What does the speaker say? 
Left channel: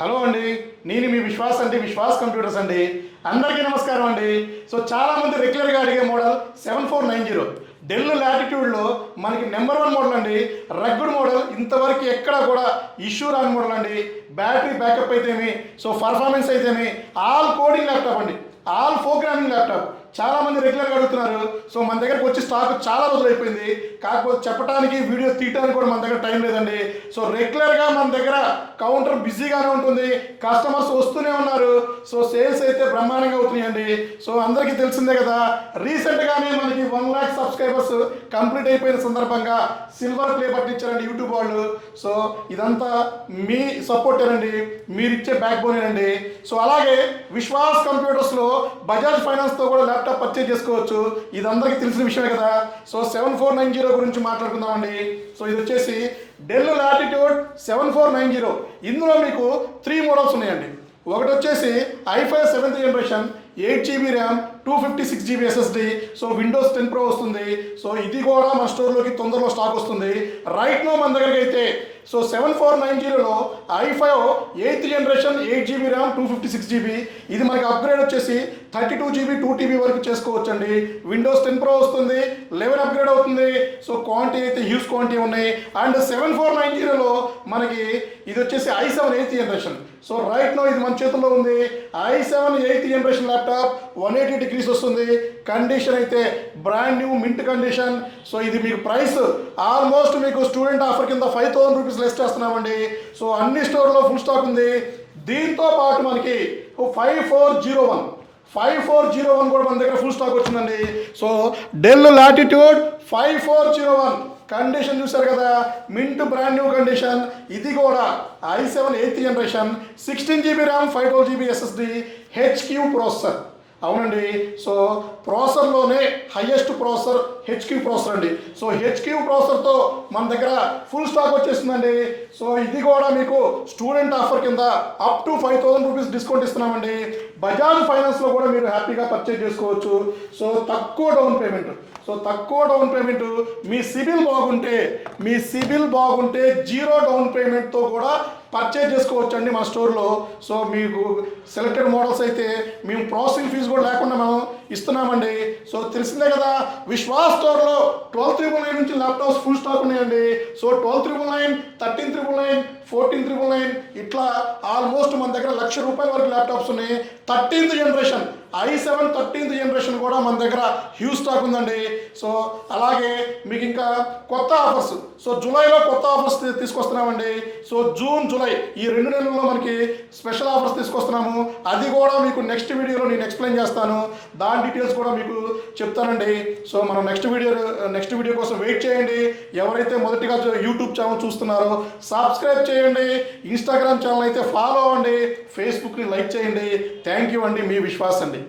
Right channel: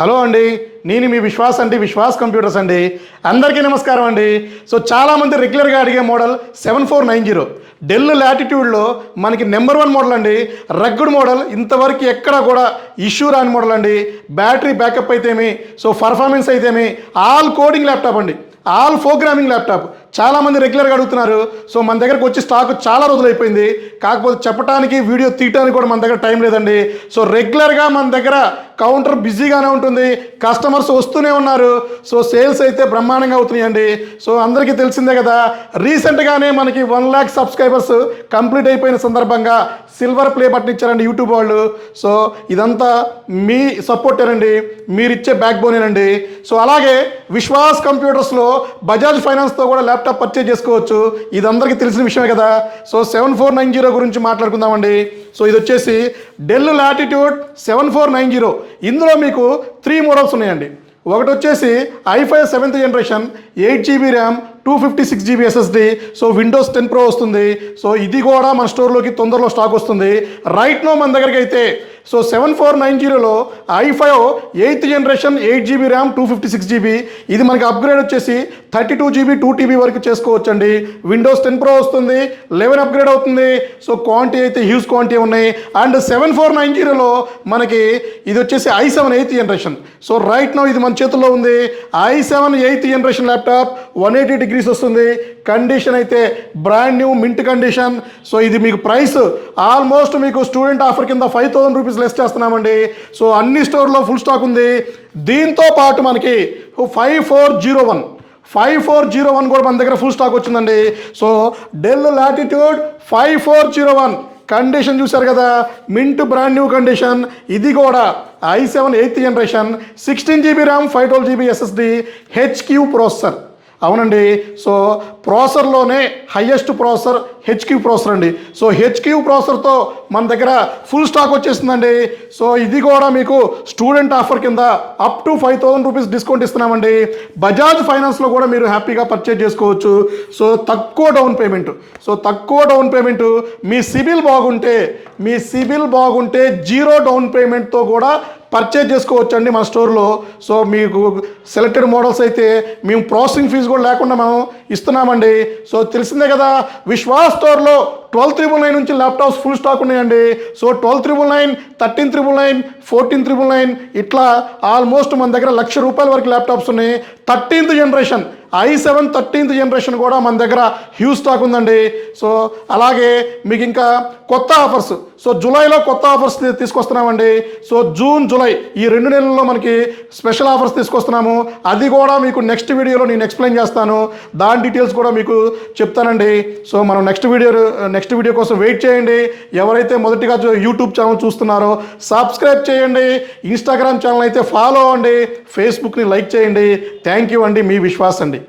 Hello అండి, నేను మీ Vishwas computers అండి. అందరికీ నమస్కారం అండి. సో చాలామంది రెగ్యులర్గా అడిగే మోడల్ 7490 డెల్ లాటిట్యూడ్లో మనకి నెంబర్ 1 మోడల్ అండి. రగ్గుడ్ మోడల్, ఇంతవరకు ఎక్కడ కూడా ఇష్యూ రాని మోడల్ అండి. బ్యాటరీ బ్యాకప్ అయితేమి, సో పర్ఫార్మెన్స్ అయితేమి, ఆల్ కోడింగ్ ల్యాప్టాప్ అండి, ఆల్ ప్రోగ్రామింగ్ ల్యాప్టాప్. చాలామంది రెగ్యులర్గా అడుగుతున్నారు. సో మన దగ్గరకు వచ్చి స్టాక్ చాలా రోజులు అయిపోయింది. కాకపోతే చెప్పడానికి వీడియో తీయడానికి కూడా మన దగ్గర టైం లేదండి. సో రెగ్యులర్గా మన దగ్గర కౌంటర్ బిజీగానే ఉంటుంది, కస్టమర్స్ వస్తూనే ఉన్నారు. సో సేల్స్ అయితే బ్రహ్మాండంగా అవుతున్నాయండి. సో అందరికీ తెలిసిందే కదా, రీసెంట్గానే మనకి 1 lakh సబ్స్క్రైబర్స్ కంప్లీట్ అయిపోయిన సందర్భంగా సిల్వర్ ప్లే బటన్ ఇచ్చారండి యూట్యూబ్ వాళ్ళు. సో ఇదంతా మీ సపోర్టేనండి, మీరు ఇచ్చే బ్యాక్ బోనేనండి. సో అలాగే విశ్వాస్ కంప్యూటర్స్లో బజాజ్ ఫైనాన్స్తో కూడా ల్యాప్టాప్ పర్చేజ్ చేసుకోవచ్చు. ఇది అందరికీ తెలిసిన విషయమే కదా. సో 7490 గురించి మాట్లాడుకుందామండి. సో ఇది వచ్చేసి డెల్ లాటిట్యూడ్ 7490. ఇందులో మీకు 3 మోడల్స్ ఉన్నాయండి. ఒకటి వచ్చేసి i5 7th generation 8GB RAM 256GB SSD. So Windows 10 Pro వస్తుంది. సో ఇది కూడా మన స్టోర్లోకి తొందరలో స్టాక్ వస్తుంది. రైట్ నో మన దగ్గరికి అయితే so 7490లో i5 8th generation 8GB RAM 256GB. ఇది మనకి అప్గ్రేడ్ వచ్చేసి 32GB 2TB వరకు చేసుకోవచ్చండి. విండోస్ 10 Pro వస్తుంది, 11 అప్గ్రేడ్ అవుతుంది. సో క్వాంటిటీ అయితే హ్యూజ్ క్వాంటిటీ ఉన్నాయి. అండ్ 7490లో మనకి ఇది వచ్చేసి i7 8th generation. So right no ఇది మన చేతుల్లో ఉంది. i7 8th generation laptop 180 degrees వస్తుంది. కండిషన్ అయితే brand new mint condition. So ఇది మీకు ప్రైస్ ఆల్మోస్ట్ మీకు స్టూడెంట్ ఆఫర్ కింద 5000 రూపీస్ లెస్ చేస్తున్నామండి. సో అన్ని స్టోర్లో ఫుల్ స్టాక్ ఉంది. దీంతో పాటు మనకి 5401 కూడా మన దగ్గర ఫుల్ స్టాక్ వచ్చిందండి. సో డెల్ లాటిట్యూడ్ 5401 కండిషన్ చూశారు కదా, మింట్ బ్రాండ్ న్యూ కండిషన్. ఇది కూడా i7 8th generation 16GB RAM 512GB SSD HQ processor. అవునండి, సో ప్రాసెసర్లోనే హైయెస్ట్ ప్రాసెసర్ HQ ప్రాసెసర్ అండి. సో HQ ప్రాసెసర్తో మన దగ్గర ఫుల్ స్టాక్ వచ్చేస్తుందండి. సో ఇది కూడా మీకు స్టూడెంట్ ఆఫర్ కింద అప్ టు 5000 రూపీస్ డిస్కౌంట్ ఇస్తున్నామండి. బజాజ్ ఫైనాన్స్లో కూడా మీరు హ్యాపీగా పర్చేజ్ చేసుకోవచ్చు. సో తక్కువ డౌన్ పేమెంట్, మీ సిబిల్ బాగుంటే 0 డౌన్ పేమెంట్తో కూడా పర్చేజ్ చేసుకోవచ్చు అండి మన స్టోర్లో. సో మీకు సెలెక్టెడ్ మోడల్స్ అయితే మేము ప్రాసెసింగ్ ఫీజు కూడా లేకుండా మేము ఇస్తున్నామండి. సో తెలిసిందే కదా, విశ్వాస్ స్టోర్లో 12999 నుంచి ల్యాప్టాప్స్ ఫుల్ స్టాక్ ఉన్నాయండి. సో 12999, 13999, 14999 ఇట్లా ఆల్మోస్ట్ మన దగ్గర ₹1,00,000 వరకు ల్యాప్టాప్స్ ఉన్నాయి. 13th generation i7 13th generation కూడా మన దగ్గర హ్యూజ్ స్టాక్ ఉందండి. సో అలాగే మీకు ఇంకా కొత్త ఆఫర్స్, సో జూలైలో కొత్త ఆఫర్స్ తీసుకొస్తున్నామండి. సో జూన్ జూలై ఈ 2 నెలల్లో మనకి స్పెషల్ ఆఫర్స్ తీసుకొస్తున్నాము. అది కూడా మీకు నెక్స్ట్ వీడియోలో నేను ఎక్స్ప్లెయిన్ చేస్తాను. దాని డీటెయిల్స్ కూడా మీకు చెప్తానండి. సో మనం నెక్స్ట్ వీడియో కోసం వెయిట్ చేయండి. ఎవరైతే మొదటిగా యూట్యూబ్ ఛానల్ చూస్తున్నారో సబ్స్క్రైబ్ చేయండి, ఇన్స్టాగ్రామ్ ఛానల్ అయితే ఫాలో అవ్వండి, ఫేస్బుక్ని లైక్ చేయండి. థ్యాంక్ యూ అండి, మీ విశ్వాస్ అండి.